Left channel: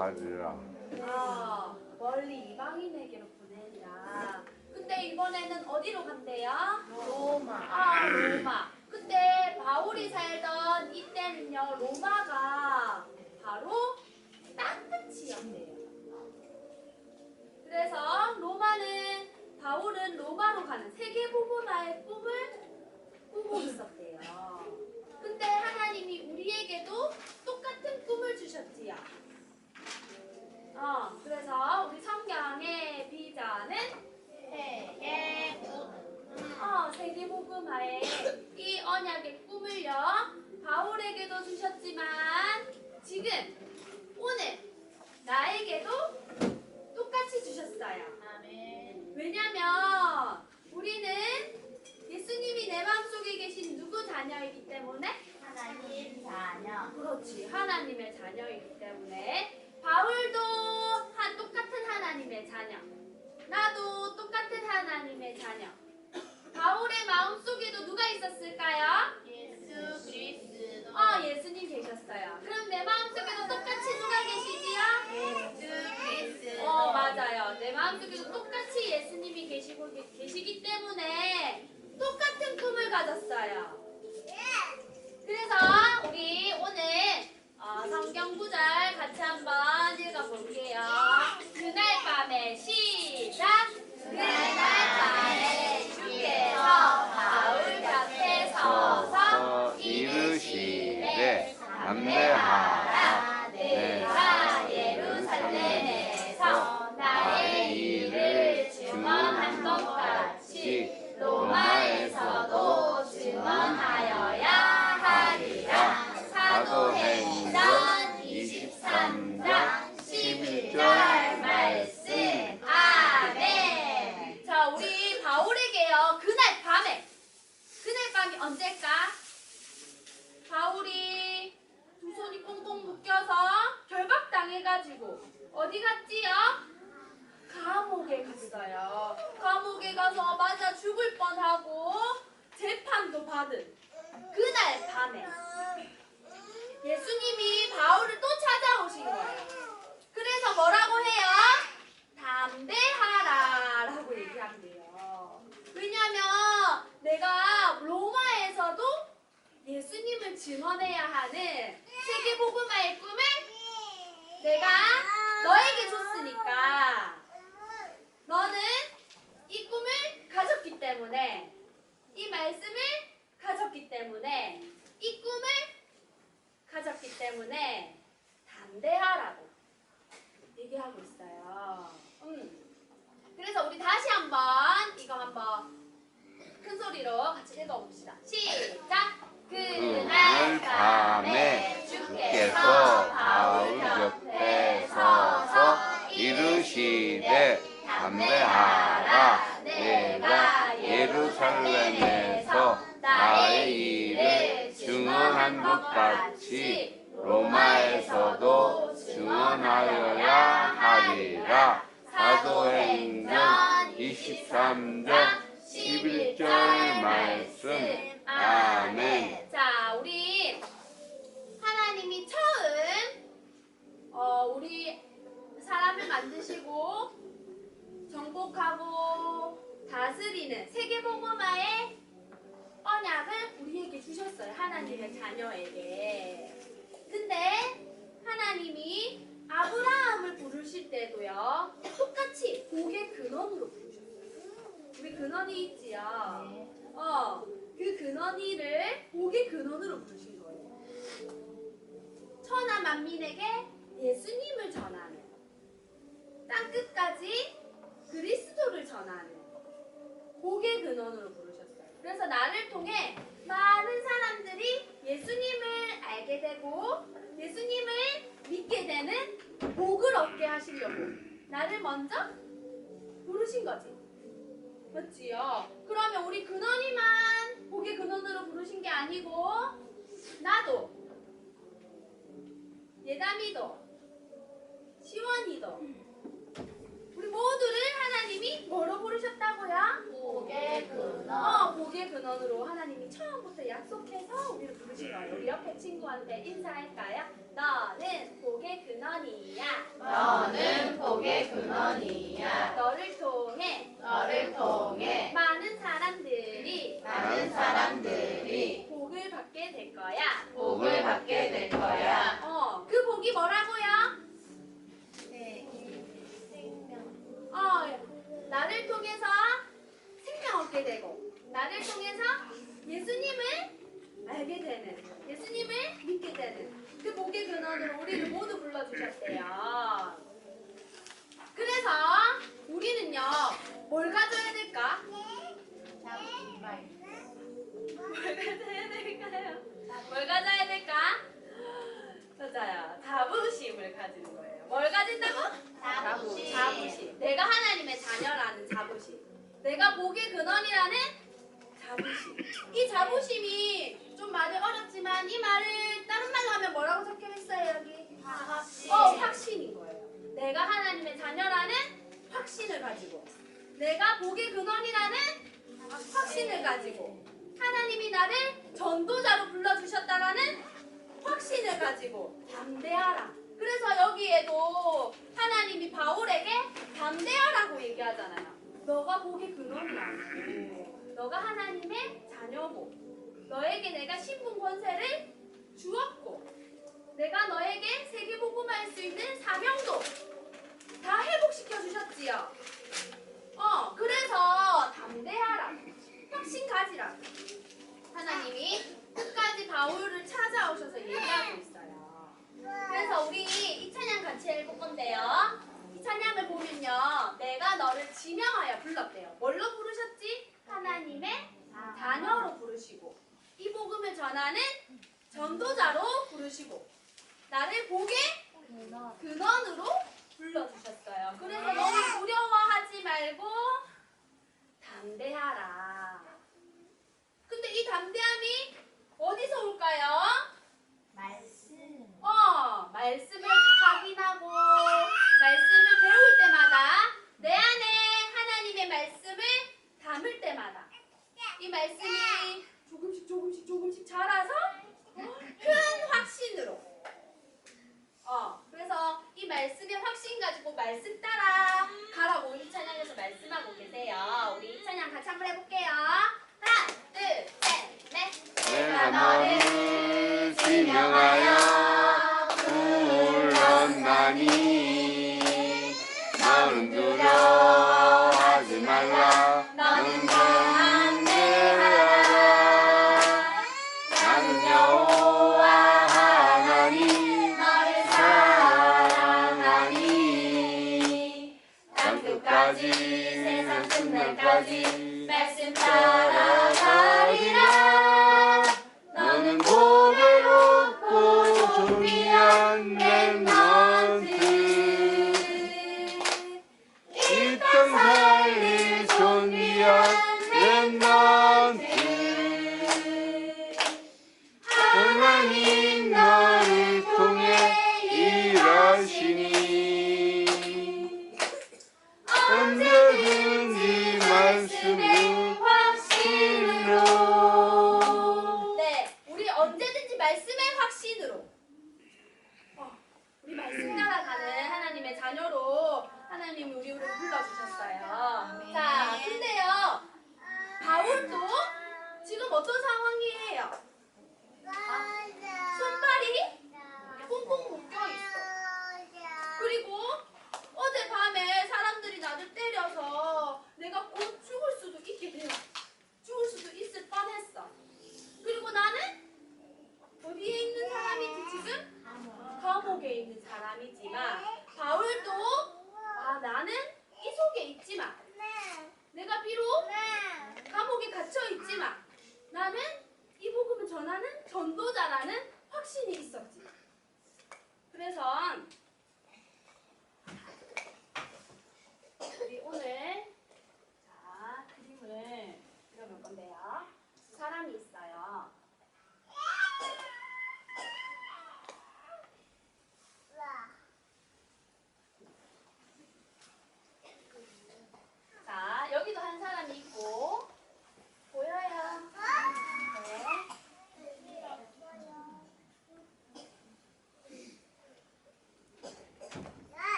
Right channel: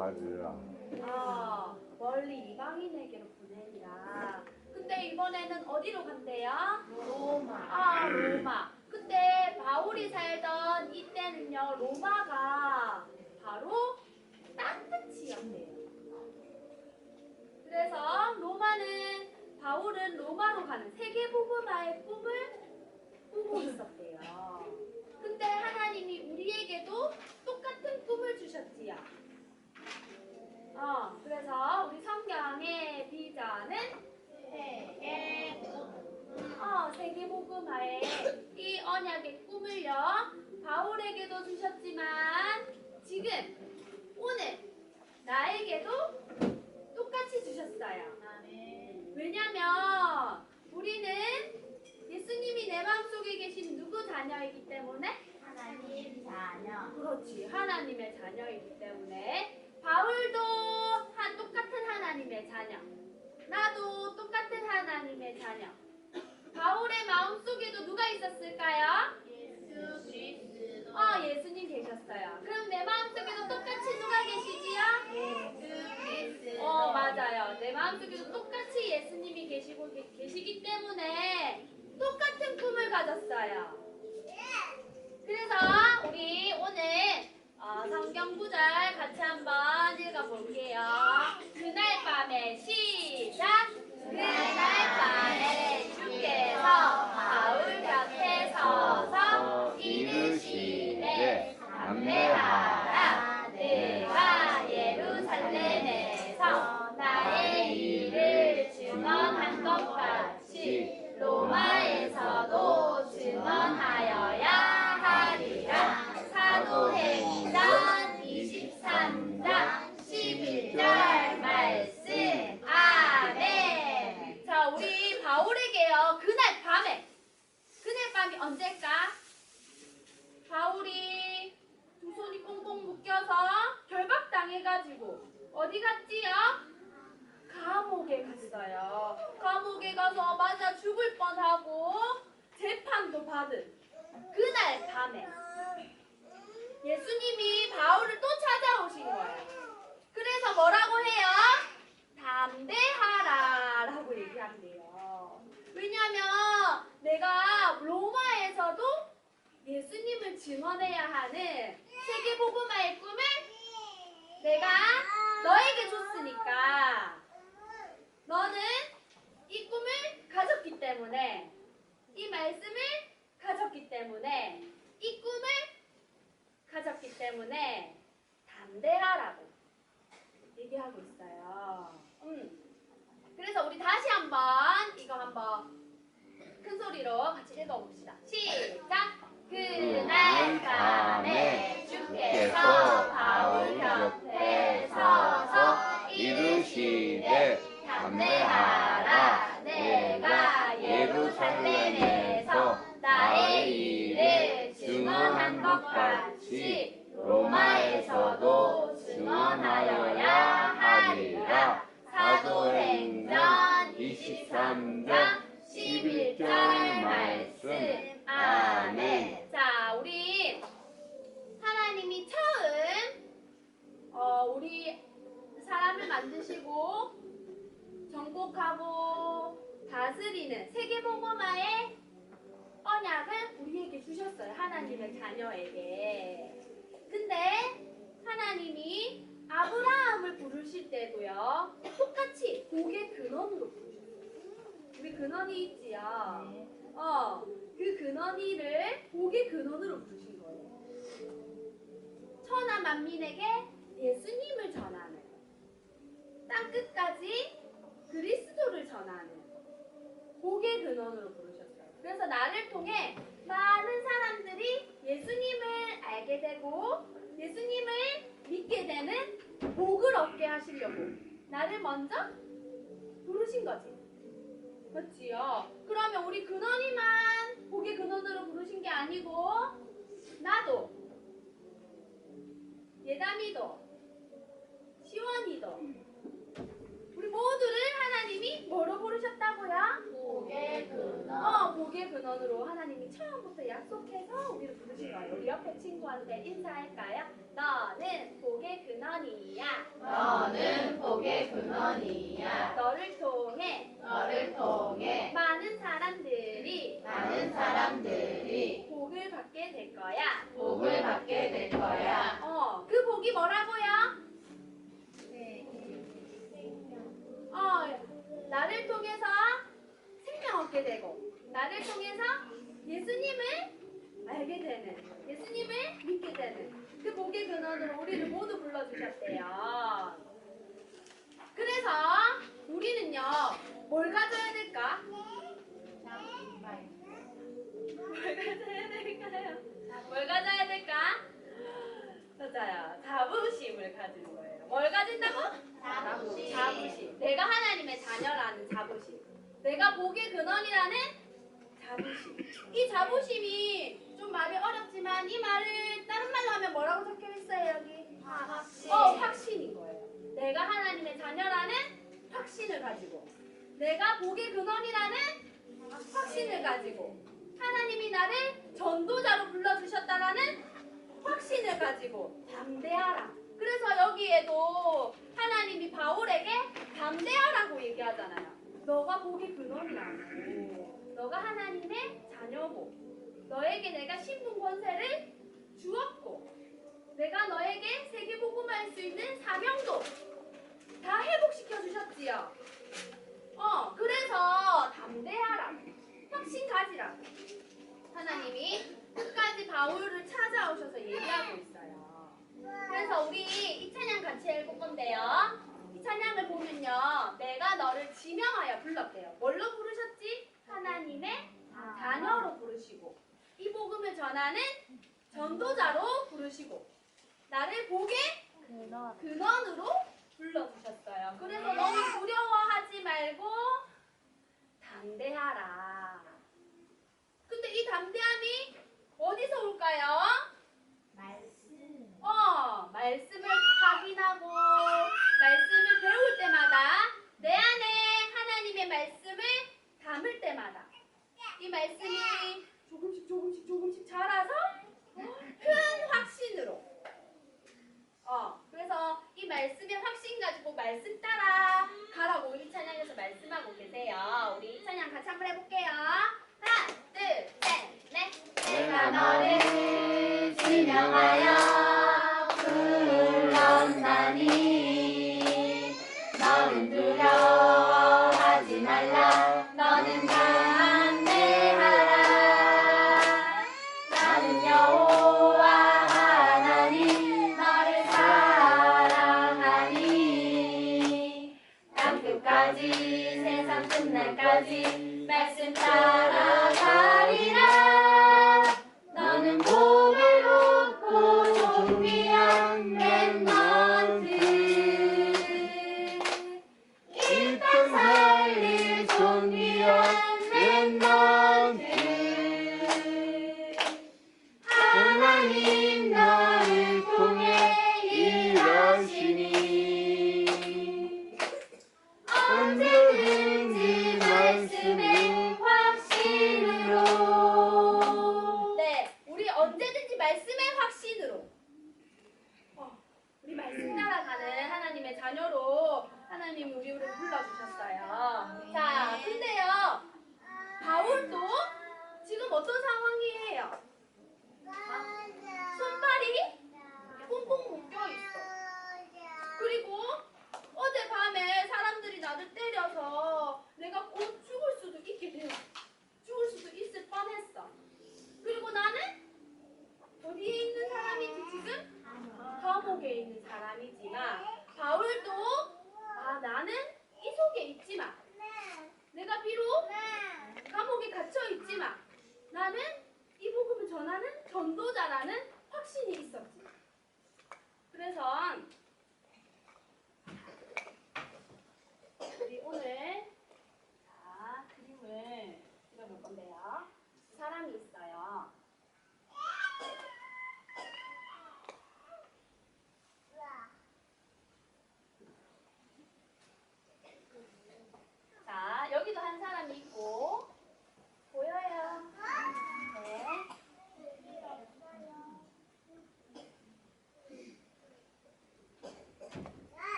가리라. 아, 멀리 이방인에게로 보내리라. 근데 이번에는 어디로 간대요? 로마. 아, 로마. 그때 바울이 살던 이때는요, 로마가 바로 땅끝이었대요. 그래서 로마는 바울은 로마로 가는 세계복음화의 꿈을 꾸고 있었대요. 근데 하나님이 우리에게도 똑같은 꿈을 주셨지요. 어, 그래서 우리 성경의 비전은 어, 세계복음화의 이 언약의 꿈을요 바울에게도 주셨지만 지금 오늘 나에게도 똑같이 주셨어요. 아멘. 왜냐면 우리는 예수님이 내 마음속에 계신 누구 자녀이기 때문에 하나님 자녀. 그렇지 하나님의 자녀이기 때문에 바울도 한 똑같은 하나님의 자녀 나도 똑같은 하나님의 자녀 바울의 마음속에도 누가 있었을까요? 예수 그리스도. 어 예수님 계셨어요 그럼 내 마음속에도 똑같이 누가 계시지요? 예수 그리스도. 어 맞아요 내 마음속에도 똑같이 예수님이 계시고 계- 계시기 때문에 똑같은 꿈을 가졌어요 그래서 우리 오늘 어, 성경 구절 같이 한번 읽어볼게요. 그날 밤에 시작. 그날 밤에 주께서 바울 곁에 서서 이르시되 담대하라 내가 예루살렘에서 나의 일을 증언한 것 같이 로마에서도 증언하여야 하리라 사도행전 23장 11절 말씀 아멘 자 우리 바울에게요 그날 밤에 그날 밤이 언제일까? 바울이 두 손이 꽁꽁 묶여서 결박당해가지고 어디 갔지요? 감옥에 갔어요. 감옥에 가서 맞아 죽을 뻔하고 재판도 받은 그날 밤에 예수님이 바울을 또 찾아오신 거예요. 그래서 뭐라고 해요? 담대하라 라고 얘기한대요. 왜냐면 내가 로마에서도 예수님을 증언해야 하는 세계복음화의 꿈을 내가 너에게 줬으니까 너는 이 꿈을 가졌기 때문에 이 말씀을 가졌기 때문에 이 꿈을 가졌기 때문에 담대하라고 얘기하고 있어요. 음. 그래서 우리 다시 한번 이거 한번 큰 소리로 같이 읽어봅시다. 시작. 그날 밤에 주께서 바울 곁에 서서 이르시되 담대하라 자녀에게. 근데 하나님이 아브라함을 부르실 때도요. 똑같이 복의 근원으로 부르셨어요. 우리 근원이 있지요. 네. 어, 그 근원이를 복의 근원으로 부르신 거예요. 천하 만민에게 예수님을 전하는 땅 끝까지 그리스도를 전하는 복의 근원으로 부르셨어요. 그래서 나를 통해 많은 사람들이 예수님을 알게 되고 예수님을 믿게 되는 복을 얻게 하시려고 나를 먼저 부르신 거지. 맞지요? 그러면 우리 근원이만 복의 근원으로 부르신 게 아니고 나도 예담이도 시원이도 우리 모두를 하나님이 뭐로 부르셨다고요? 복의 근원. 어, 복의 근원으로 하나님이 처음부터 약속해서 우리를 부르신 거예요. 우리 옆에 친구한테 인사할까요? 너는 복의 근원 근원이야. 너는 복의 근원이야. 너를 통해 너를 통해 많은 사람들이 많은 사람들이 복을 받게 될 거야. 복을 받게 될 거야. 어, 그 복이 뭐라고요? 어, 나를 통해서 생명 얻게 되고, 나를 통해서 예수님을 알게 되는, 예수님을 믿게 되는 그 복의 근원으로 우리를 모두 불러주셨대요. 그래서 우리는요, 뭘 가져야 될까? 뭘 가져야 될까요? 뭘 가져야 될까? 맞아요. 자부심을 가지는 거예요. 뭘 가진다고? 자부심. 자부심. 내가 하나님의 자녀라는 자부심. 내가 복의 근원이라는 자부심. 이 자부심이 좀 말이 어렵지만 이 말을 다른 말로 하면 뭐라고 적혀 있어요 여기? 어, 확신인 거예요. 내가 하나님의 자녀라는 확신을 가지고 내가 복의 근원이라는 확신을 가지고 하나님이 나를 전도자로 불러주셨다라는 확신을 가지고 담대하라. 그래서 여기에도 하나님이 바울에게 담대하라고 얘기하잖아요. 너가 복의 근원이라고. 너가 하나님의 자녀고. 너에게 내가 신분 권세를 주었고. 내가 너에게 세계 복음할 수 있는 사명도 다 회복시켜 주셨지요. 어, 그래서 담대하라. 확신 가지라. 하나님이 끝까지 바울을 찾아오셔서 얘기하고 있어요. 그래서 우리 이 찬양 같이 읽을 건데요. 이 찬양을 보면요. 내가 너를 지명하여 불렀대요. 뭘로 부르셨지? 하나님의 자녀로 부르시고 이 복음을 전하는 전도자로 부르시고 나를 복의 근원으로 불러주셨어요. 그래서 너무 두려워하지 말고 담대하라. 근데 이 담대함이 어디서 올까요? 말씀. 어, 말씀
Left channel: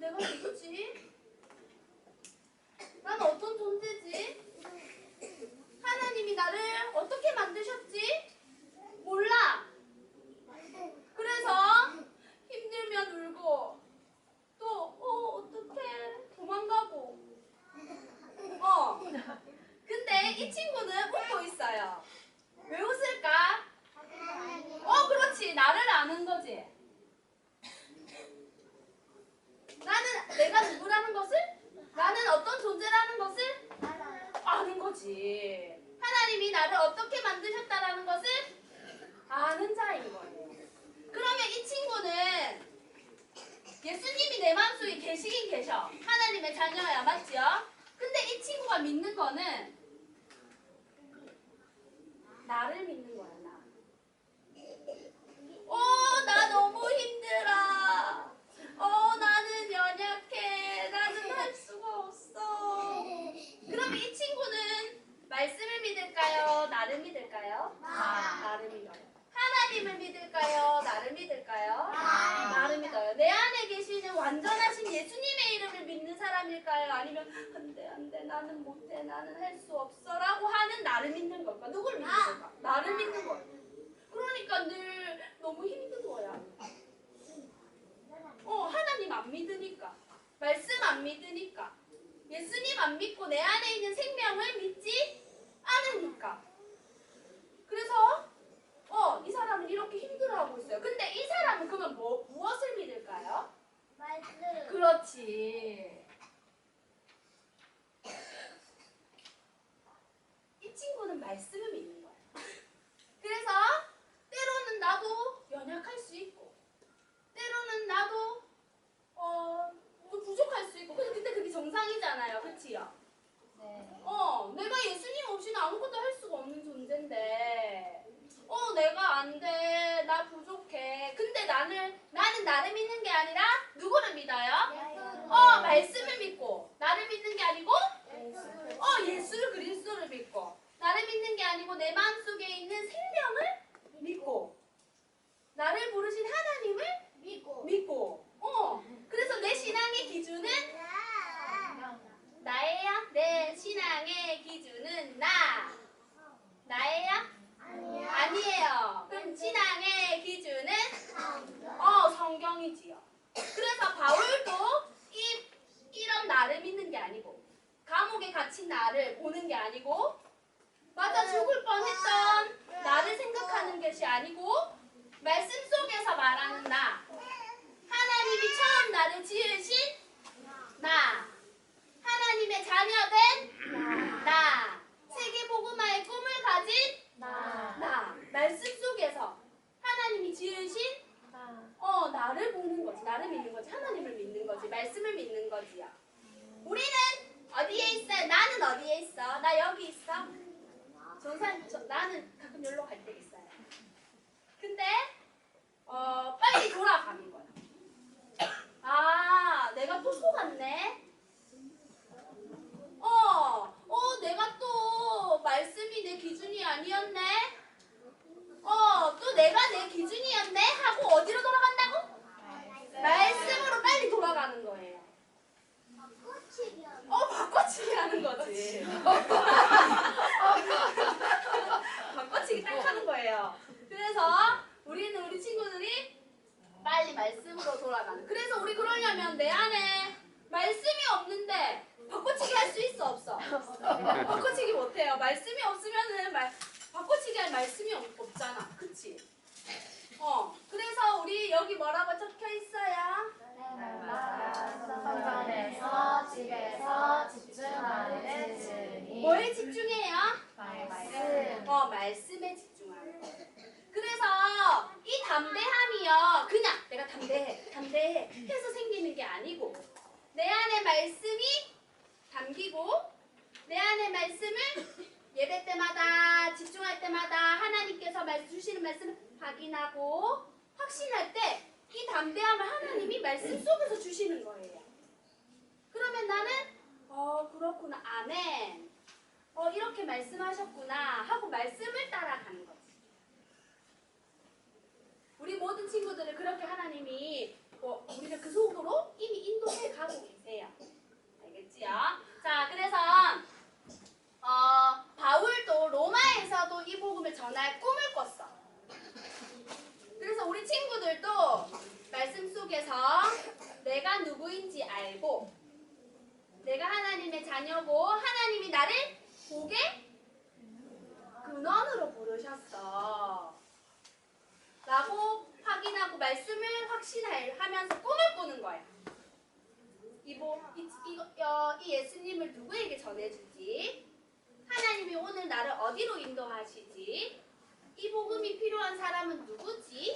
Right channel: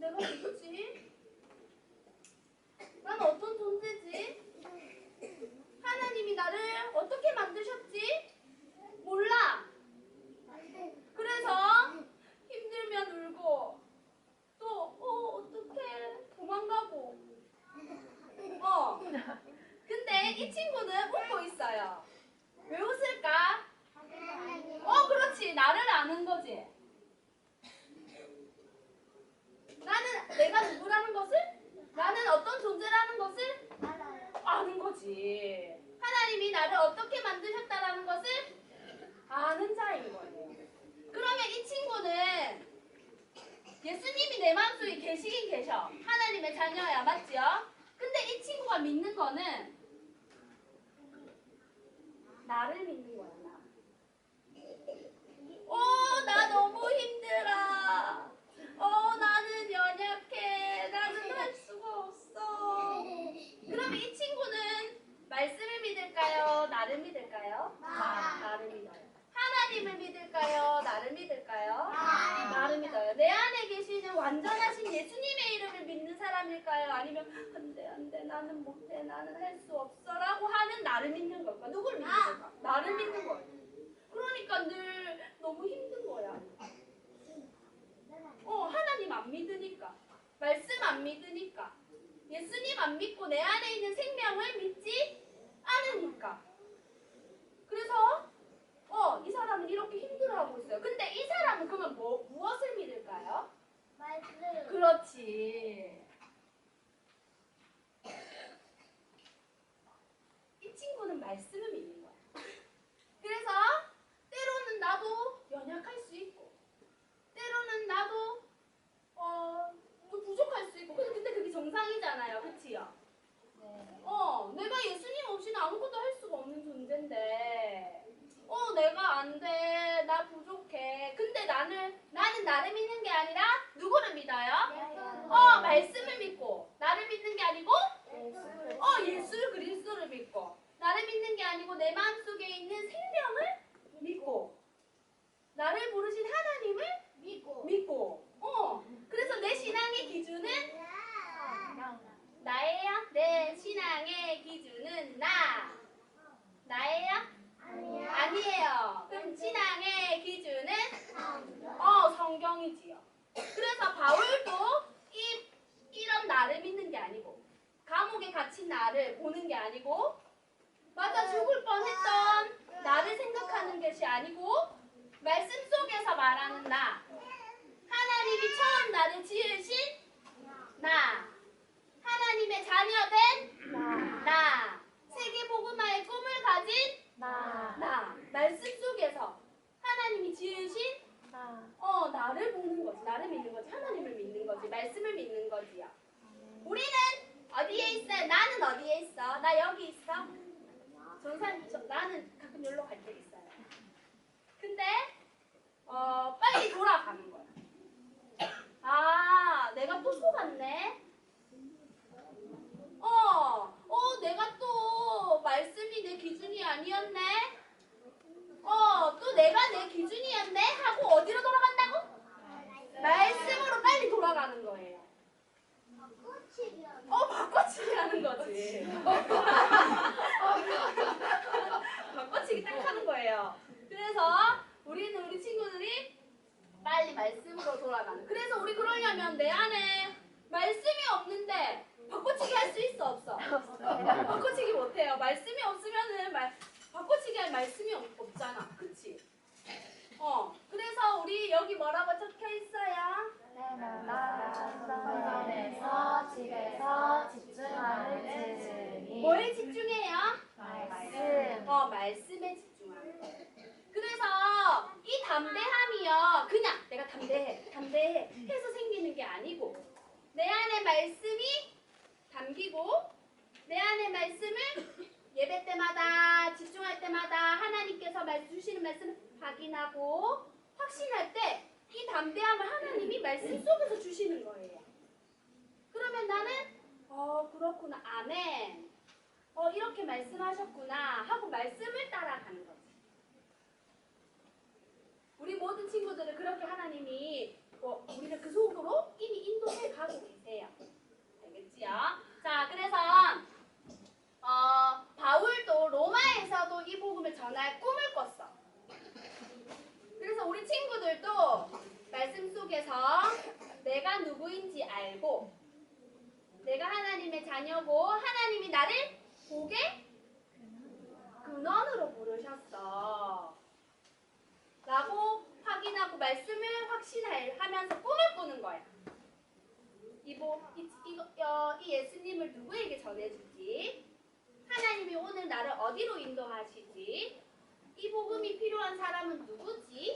내가 누구지? 난 어떤 존재지? 하나님이 나를 어떻게 만드셨지? 몰라. 그래서 힘들면 울고 또 어, 어떡해 도망가고 어 근데 이 친구는 웃고 있어요 왜 웃을까? 어 그렇지 나를 아는 거지 나는 내가 누구라는 것을 나는 어떤 존재라는 것을 아는 거지 하나님이 나를 어떻게 만드셨다라는 것을 아는 자인 거예요 그러면 이 친구는 예수님이 내 마음속에 계시긴 계셔. 하나님의 자녀야, 맞지요? 근데 이 친구가 믿는 거는 나를 믿는 거야, 나. 어, 나 너무 힘들어. 어, 나는 연약해. 나는 할 수가 없어. 그럼 이 친구는 말씀을 믿을까요? 나를 믿을까요? 나. 나를 믿어요. 하나님을 믿을까요? 나를 믿을까요? 나. 나를 믿어요. 완전하신 예수님의 이름을 믿는 사람일까요? 아니면 안돼 안돼 나는 못해 나는 할 수 없어라고 하는 나를 믿는 걸까? 누굴 믿는 걸까? 나를 믿는 거예요. 그러니까 늘 너무 힘든 거야. 어 하나님 안 믿으니까 말씀 안 믿으니까 예수님 안 믿고 내 안에 있는 생명을 믿지 않으니까. 그래서 어, 이 사람은 이렇게 힘들어하고 있어요. 근데 이 사람은 그러면 뭐, 무엇을 믿을까요? 그렇지. 이 친구는 말씀을 믿는 거야. 그래서 때로는 나도 연약할 수 있고, 때로는 나도 어, 뭐 부족할 수 있고, 근데 그게 정상이잖아요. 그치요? 어, 내가 예수님 없이는 아무것도 할 수가 없는 존재인데, 어, 내가 안 돼, 나 부족해. 근데 나는 나는 나를 믿는 게 아니라 누구를 믿어요? 어, 말씀을 믿고 나를 믿는 게 아니고, 어, 예수 그리스도를 믿고 나를 믿는 게 아니고 내 마음 속에 있는 생명을 믿고 나를 부르신 하나님을 믿고, 어, 그래서 내 신앙의 기준은 나예요. 내 신앙의 기준은 나. 나예요? 아니에요. 그럼 신앙의 기준은? 어 성경이지요. 그래서 바울도 이 이런 나를 믿는 게 아니고 감옥에 갇힌 나를 보는 게 아니고 맞아 죽을 뻔했던 나를 생각하는 것이 아니고 말씀 속에서 말하는 나. 하나님이 처음 나를 지으신 나. 하나님의 자녀된 나. 세계복음화의 꿈을 가진 나 말씀 속에서 하나님이 지으신 어 나를 보는 거지. 나를 믿는 거지. 하나님을 믿는 거지. 말씀을 믿는 거지요 우리는 어디에 있어요 나는 어디에 있어? 나 여기 있어? 전산 저, 나는 가끔 여기로 갈때 있어요. 근데 어 빨리 돌아가는 거야. 아 내가 또 속았네 어, 어, 내가 또 말씀이 내 기준이 아니었네. 어, 또 내가 내 기준이었네 하고 어디로 돌아간다고? 말씀으로 빨리 돌아가는 거예요. 어, 바꿔치기 하는 거지. 바꿔치기 딱 하는 거예요. 그래서 우리는 우리 친구들이 빨리 말씀으로 돌아가는. 그래서 우리 그러려면 내 안에 말씀이 없는데 바꿔치기 할 수 있어 없어? 바꿔치기 못해요. 말씀이 없으면은 말 바꿔치기 할 말씀이 없, 없잖아. 그치? 어. 그래서 우리 여기 뭐라고 적혀 있어요? 성전에서 말씀이 담기고 내 안에 말씀을 예배 때마다 집중할 때마다 하나님께서 말- 주시는 말씀을 확인하고 확신할 때 이 담대함을 하나님이 말씀 속에서 주시는 거예요. 그러면 나는 어 그렇구나 아멘 어 이렇게 말씀하셨구나 하고 말씀을 따라가는 거지. 우리 모든 친구들을 그렇게 하나님이 어, 우리를 그 속으로 이미 인도해 가고 계세요. 알겠지요? 자, 그래서 어, 바울도 로마에서도 이 복음을 전할 꿈을 꿨어. 그래서 우리 친구들도 말씀 속에서 내가 누구인지 알고 내가 하나님의 자녀고 하나님이 나를 복의 근원으로 부르셨어. 라고 확인하고 말씀을 확신하면서 꿈을 꾸는 거야. 이보 이, 이, 어, 이 예수님을 누구에게 전해주지? 하나님이 오늘 나를 어디로 인도하시지? 이 복음이 필요한 사람은 누구지?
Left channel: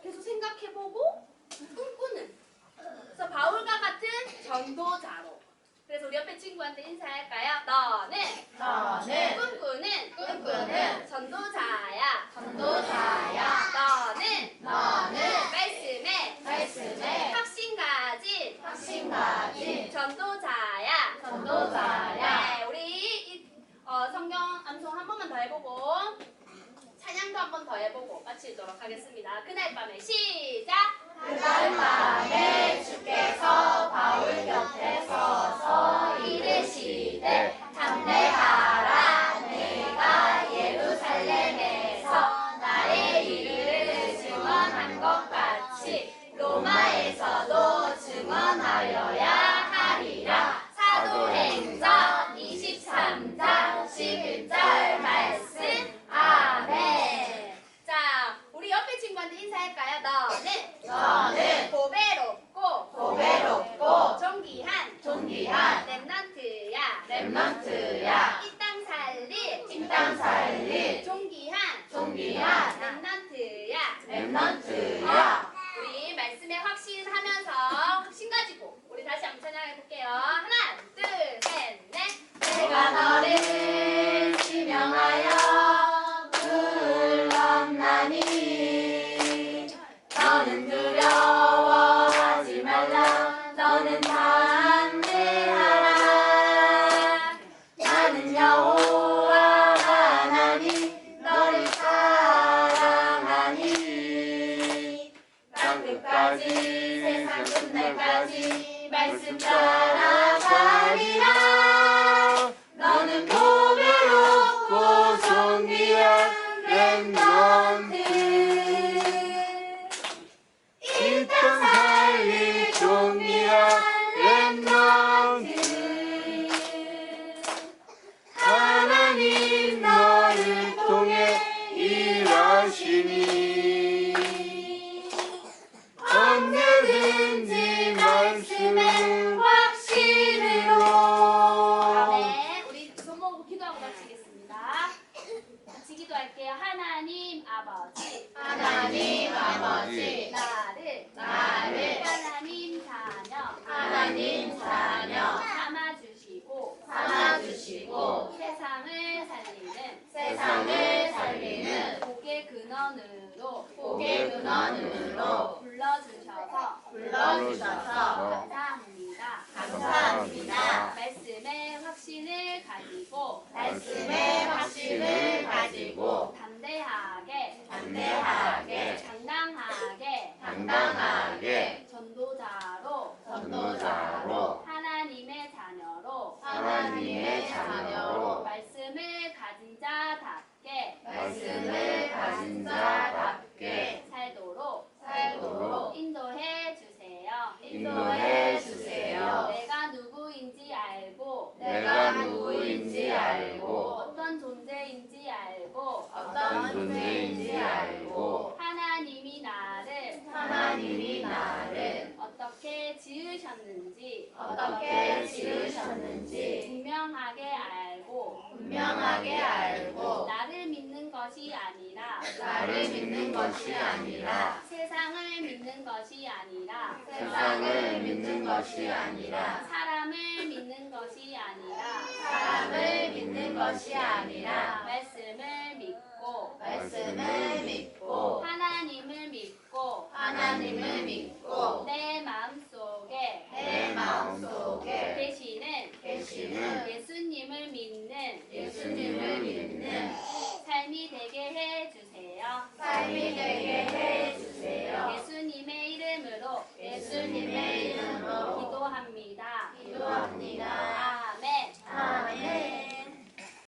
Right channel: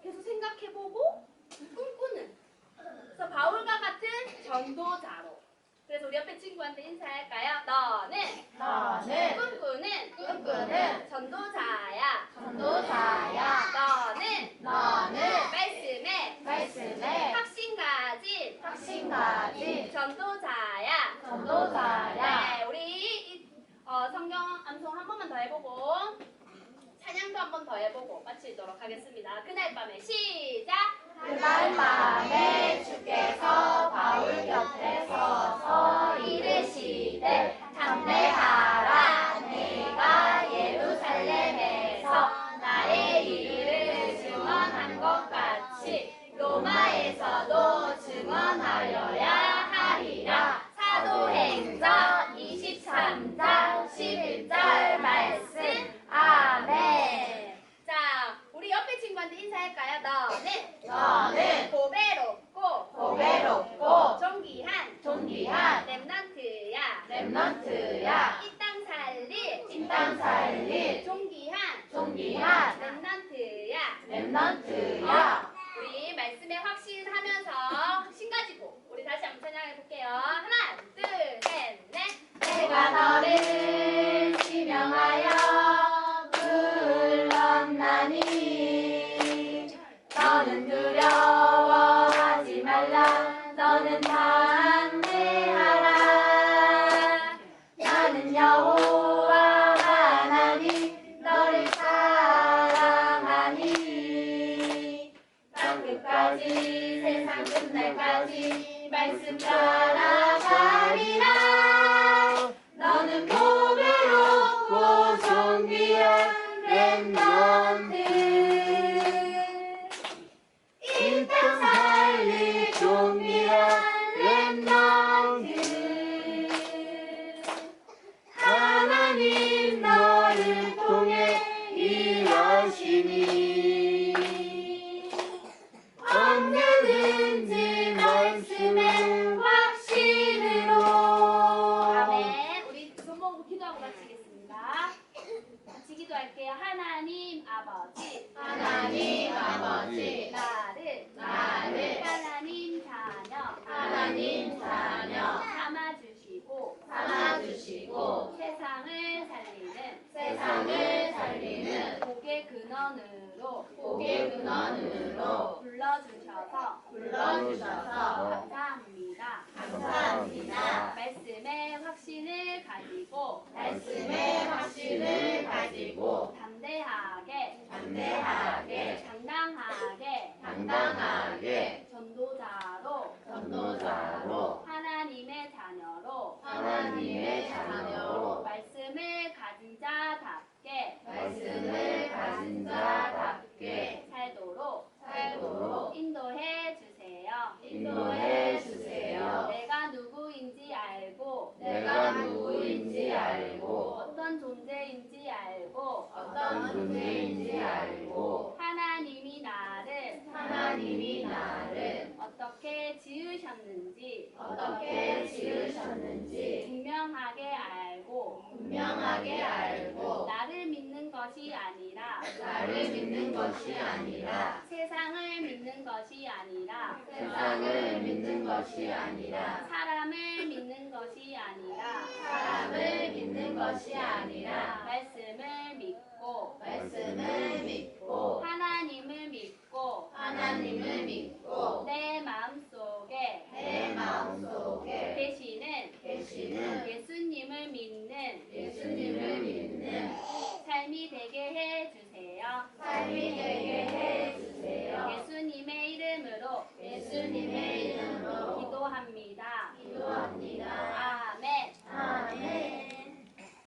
계속 생각해보고 꿈꾸는. 그래서 바울과 같은 전도자로. 그래서 우리 옆에 친구한테 인사할까요? 너는 너는 꿈꾸는 꿈꾸는 전도자야. 전도자야. 너는 너는 말씀에 말씀에 확신 가진 확신 가진 전도자야. 전도자야. 네, 우리 이, 어, 성경 암송 한 번만 더 해보고 찬양도 한 번 더 해보고 마치도록 하겠습니다. 그날 밤에 시작. 그날 밤에 주께서 바울 곁에 서서 이르시되 담대하 not to ya. 끝까지 세상 끝날까지 말씀 따라가리라 할게요. 하나님 아버지. 하나님 아버지 나를 나를 하나님 자녀 하나님 자녀 삼아주시고 삼아주시고 세상을 살리는 세상을 살리는 복의 근원으로 복의 근원으로 불러주셔서 불러주셔서 감사합니다. 감사합니다. 말씀의 확신을 가지고 말씀의 확신을 가지고 담대하게 담대하게 당당하게 당당하게 전도자로 전도자로 하나님의 자녀로 하나님의 자녀로 말씀을 가진 자답게 말씀을 가진 자답게 살도록 살도록 인도해 주세요. 인도해 주세요. 내가 누구인지 알고 내가 누구인지 알고 어떤 존재인지 알고 어떤 존재인지 알고 지으셨는지 어떻게 지으셨는지 분명하게 알고 분명하게 알고 나를 믿는 것이 아니라 나를 믿는 것이 아니라 세상 세상을 믿는 것이 아니라 세상을 믿는 것이 아니라 사람을 믿는 것이 아니라 사람을 믿는 것이 아니라 말씀을 믿고 말씀을 믿고 하나님을 믿고 믿고 하나님을 믿고 내 마음속에 내 마음속에 계시는 계시는 예수님을 믿는 예수님을 믿는 삶이 되게 해 주세요. 삶이 되게 해 주세요. 예수님의 이름으로 예수님의 이름으로 기도합니다. 기도합니다. 아멘. 아멘.